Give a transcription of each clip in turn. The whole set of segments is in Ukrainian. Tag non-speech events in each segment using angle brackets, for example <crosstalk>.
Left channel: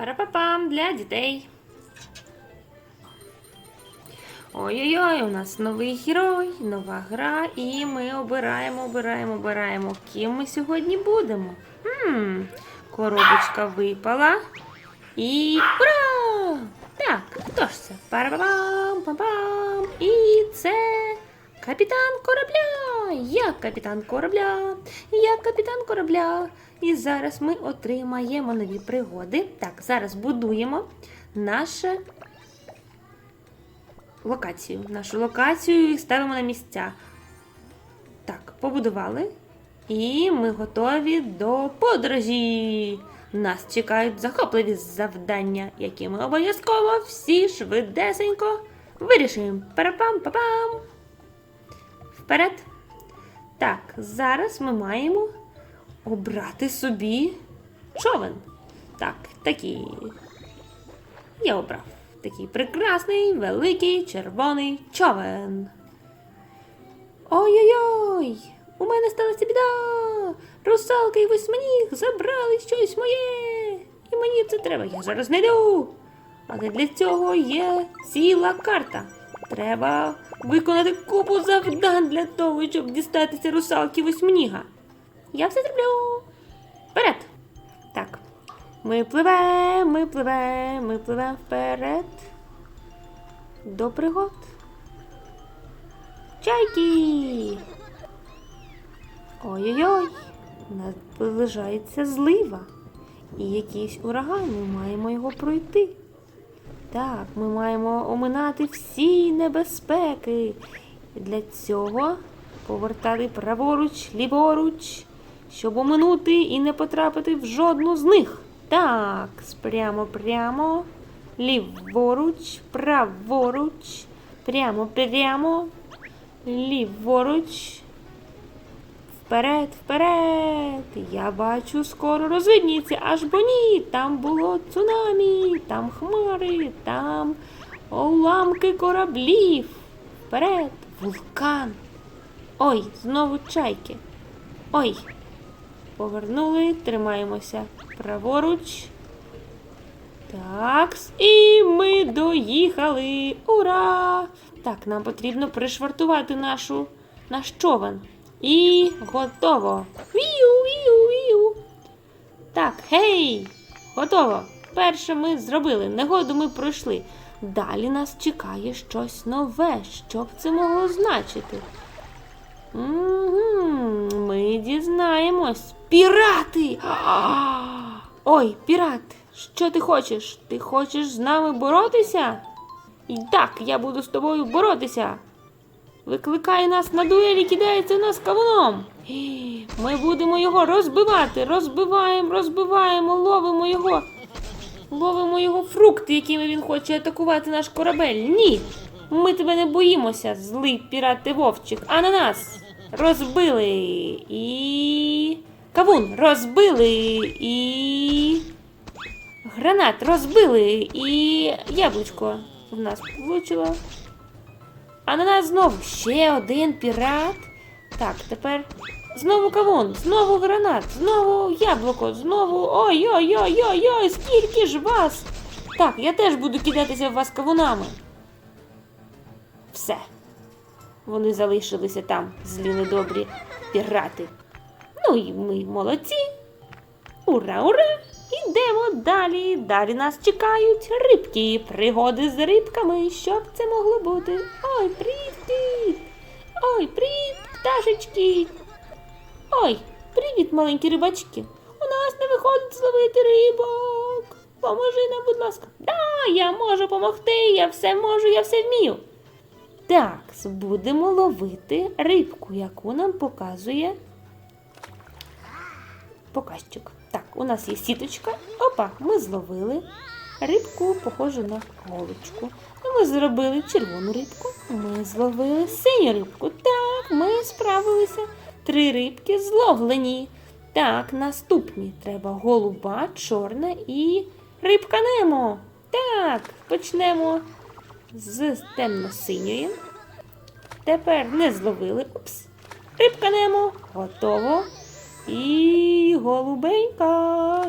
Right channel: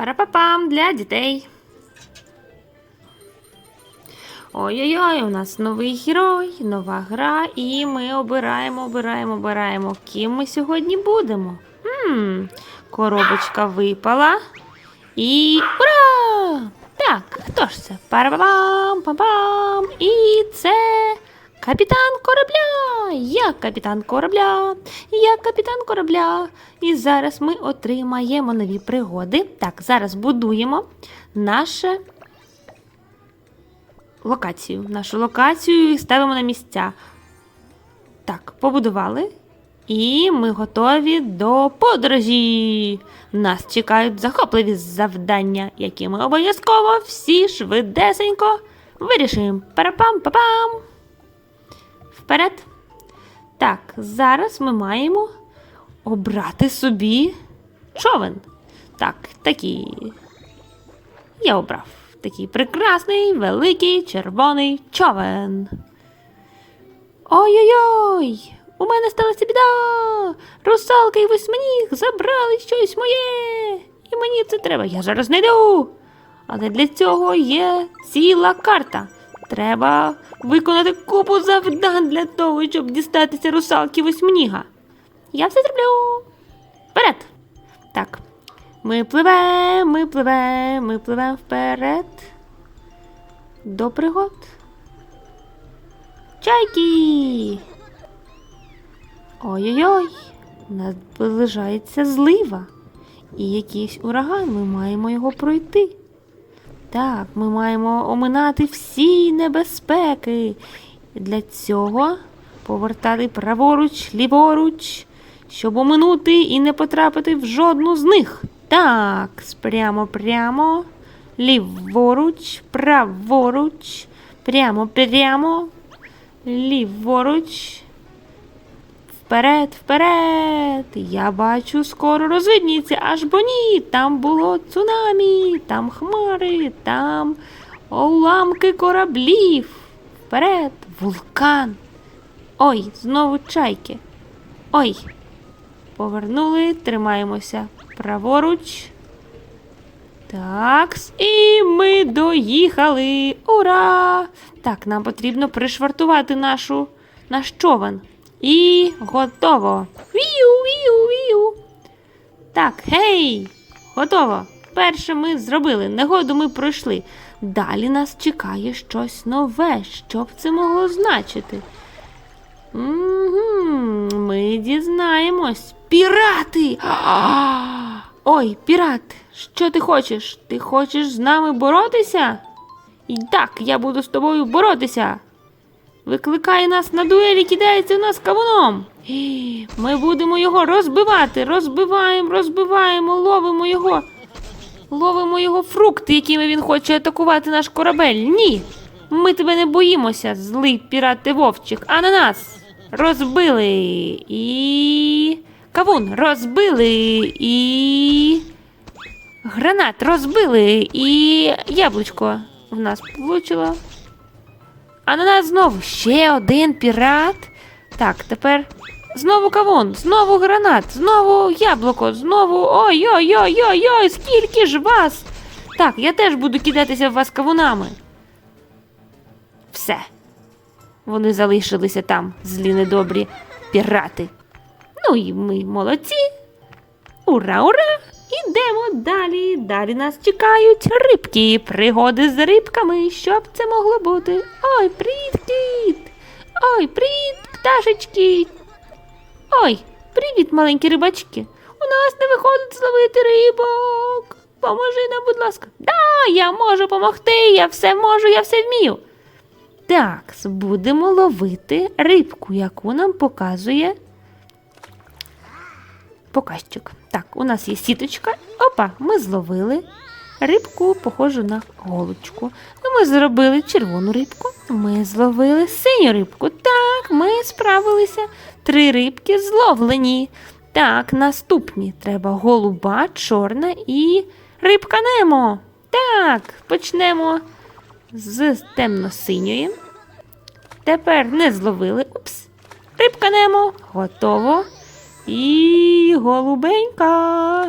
Парапапам для дітей. Ой-ой-ой, у нас новий герой, нова гра, і ми обираємо, обираємо, обираємо, ким ми сьогодні будемо. Хм, коробочка випала. І ура! Так, хто ж це? Парапапам, пам-пам. І це капітан корабля. Я капітан корабля. Я капітан корабля. І зараз ми отримаємо нові пригоди. Так, зараз будуємо наше локацію. Нашу локацію і ставимо на місця. Так, побудували. І ми готові до подорожі. Нас чекають захопливі завдання, які ми обов'язково всі швидесенько вирішуємо. Парапам-папам. Вперед. Так, зараз ми маємо обрати собі човен. Так, такий. Я обрав такий прекрасний, великий червоний човен. Ой-ой-ой! У мене сталася біда! Русалка і восьминіг забрали щось моє! І мені це треба, я зараз знайду. Але для цього є ціла карта. Треба виконати купу завдань для того, щоб дістатися русалки восьминіга. Я все зроблю. Вперед! Так. Ми пливемо, ми пливемо, ми пливемо вперед. До пригод. Чайки! Ой-ой-ой! Наближається злива. І якийсь ураган, ми маємо його пройти. Так, ми маємо оминати всі небезпеки. Для цього повертати праворуч, ліворуч, щоб оминути і не потрапити в жодну з них. Так, прямо прямо, ліворуч, праворуч, прямо прямо, ліворуч. Вперед, вперед! Я бачу, скоро розвидніться, аж бо ні. Там було цунамі, там хмари, там уламки кораблів. Вперед, вулкан. Ой, знову чайки. Ой. Повернули, тримаємося праворуч. Так, і ми доїхали. Ура! Так, нам потрібно пришвартувати нашу, наш човен. І готово. Вію, вію, вію. Так, гей! Готово. Перше ми зробили. Негоду ми пройшли. Далі нас чекає щось нове. Що б це могло значити? Угу, ми дізнаємось. Пірати! Ой, пірат, що ти хочеш? Ти хочеш з нами боротися? І так, я буду з тобою боротися. Викликає нас на дуелі, кидається нас кавуном. Ми будемо його розбивати. Розбиваємо, розбиваємо, ловимо його. Ловимо його фрукти, якими він хоче атакувати наш корабель. Ні. Ми тебе не боїмося, злий вовчик, а на нас розбили і. Кавун розбили і. Гранат розбили і. Яблучко в нас влучило. А на нас знову ще один пірат. Так, тепер знову кавун, знову гранат, знову яблуко, знову. Ой-ой-ой-ой-ой, скільки ж вас! Так, я теж буду кидатися в вас кавунами. Все. Вони залишилися там, злі недобрі пірати. Ну і ми молодці. Ура, ура! Ідемо далі. Далі нас чекають рибки, пригоди з рибками. Що б це могло бути? Ой, привіт, кіт! Ой, привіт, пташечки! Ой, привіт, маленькі рибачки! У нас не виходить зловити рибок. Поможи нам, будь ласка. Да, я можу допомогти, я все можу, я все вмію. Так, будемо ловити рибку, яку нам показує показчик. Так, у нас є сіточка. Опа, ми зловили рибку, похожу на голочку. Ну, Ми зробили червону рибку, ми зловили синю рибку. Так, ми справилися. Три рибки зловлені. Так, наступні треба голуба, чорна і рибка Немо. Так, почнемо з темно-синьої. Тепер не зловили. Упс. Рибка Немо. Готово. І голубенька.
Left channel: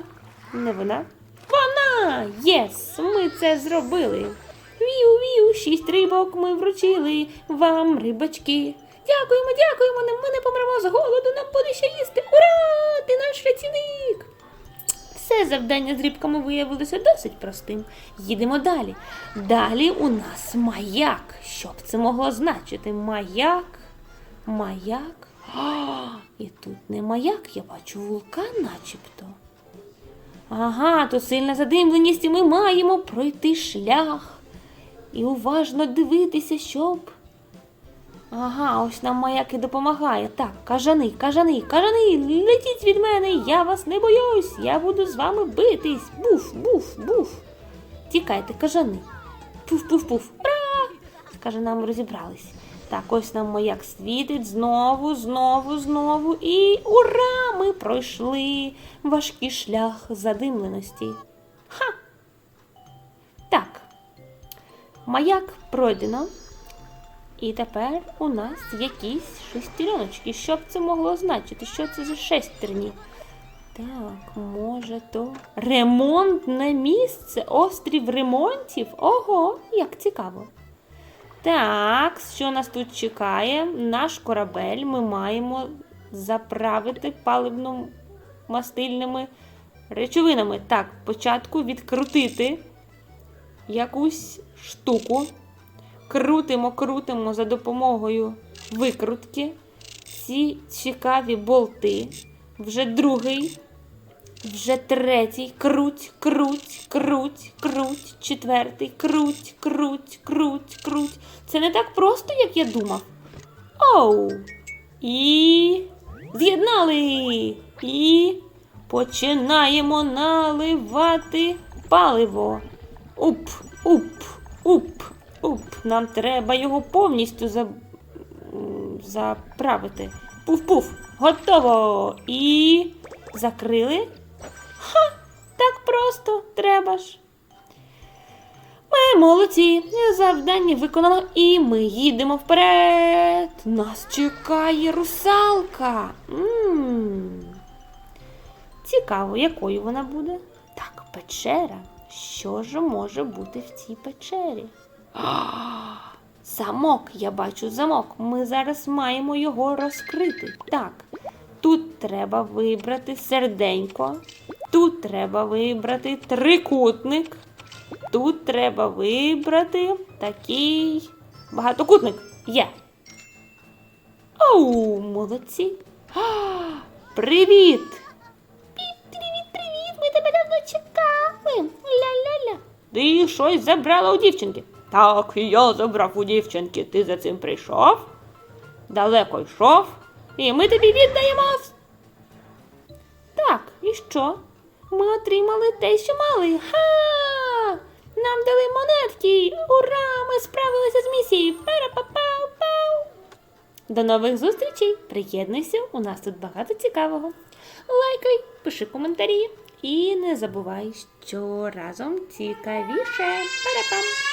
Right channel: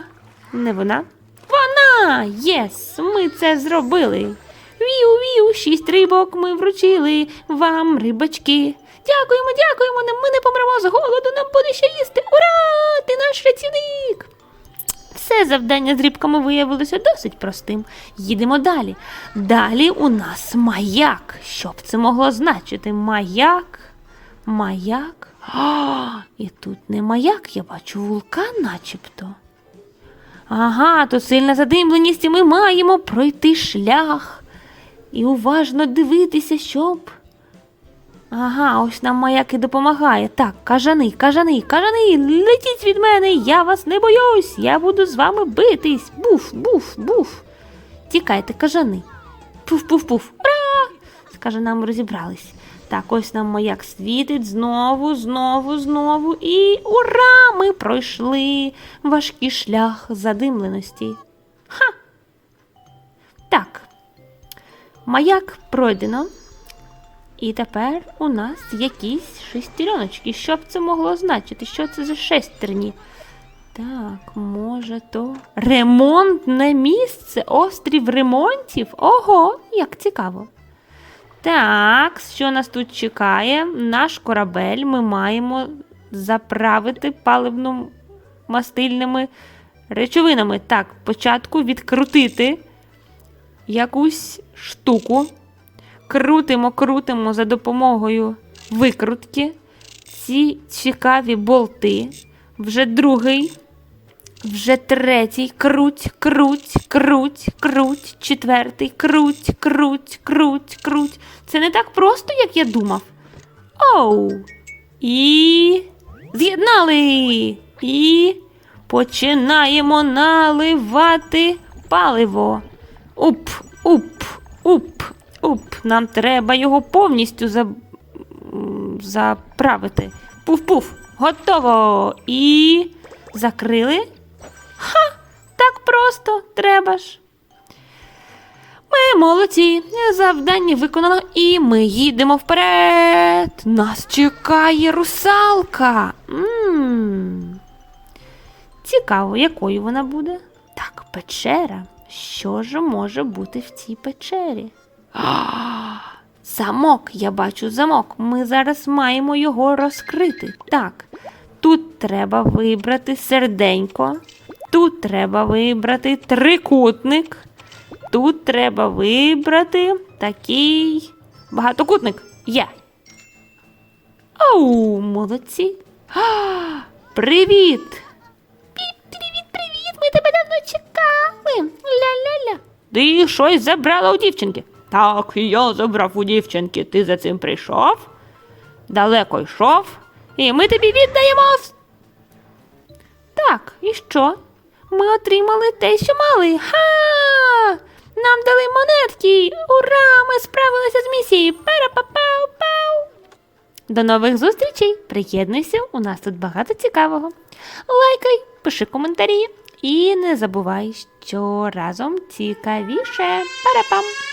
Не вона. Вона! Єс, ми це зробили. Віу, віу, шість рибок ми вручили вам, рибачки. Дякуємо, дякуємо, ми не помремо з голоду, нам буде ще їсти. Ура! Ти наш рятівник! Все завдання з рибками виявилося досить простим. Їдемо далі. Далі у нас маяк. Що б це могло значити? Маяк? Маяк? А, <gasps> і тут не маяк, я бачу вулкан начебто. Ага, то сильна задимленість, і ми маємо пройти шлях. І уважно дивитися, щоб. Ага, ось нам маяк і допомагає. Так, кажани, кажани, кажани, летіть від мене, я вас не боюсь, я буду з вами битись. Буф, буф, буф. Тікайте, кажани. Пуф-пуф-пуф. Ура! З кажанами розібрались. Так, ось нам маяк світить знову, знову, знову. І ура! Ми пройшли важкий шлях задимленості. Ха! Так. Маяк пройдено. І тепер у нас якісь шестереночки. Що б це могло значити? Що це за шестерні? Так, може то. Ремонтне місце? Острів ремонтів? Ого, як цікаво. Так, що нас тут чекає? Наш корабель ми маємо заправити паливно-мастильними речовинами. Так, спочатку відкрутити якусь штуку. Крутимо, крутимо за допомогою викрутки. Ці цікаві болти. Вже другий, вже третій. Круть, круть, круть, круть, четвертий, круть, круть, круть, круть. Це не так просто, як я думав. Оу. І з'єднали. І починаємо наливати паливо. Уп, уп, уп, уп. Нам треба його повністю за... заправити. Пуф-пуф. Готово. І закрили. Просто треба ж. Ми молодці. Завдання виконано, і ми їдемо вперед. Нас чекає русалка. м Цікаво, якою вона буде. Так, печера. Що ж може бути в цій печері? Замок, я бачу замок. Ми зараз маємо його розкрити. Так, тут треба вибрати серденько, тут треба вибрати трикутник, тут треба вибрати такий багатокутник. Є. Оу, молодці. А, привіт! Привіт, привіт! Ми тебе давно чекали. Ля-ля-ля. Ти щось забрала у дівчинки. Так, я забрав у дівчинки. Ти за цим прийшов? Далеко йшов, і ми тобі віддаємо. Так, і що? Ми отримали те, що мали. Ха! Нам дали монетки. Ура! Ми справилися з місією. Пара-па-пау-пау! До нових зустрічей! Приєднуйся, у нас тут багато цікавого. Лайкай, пиши коментарі і не забувай, що разом цікавіше. Пара-пам!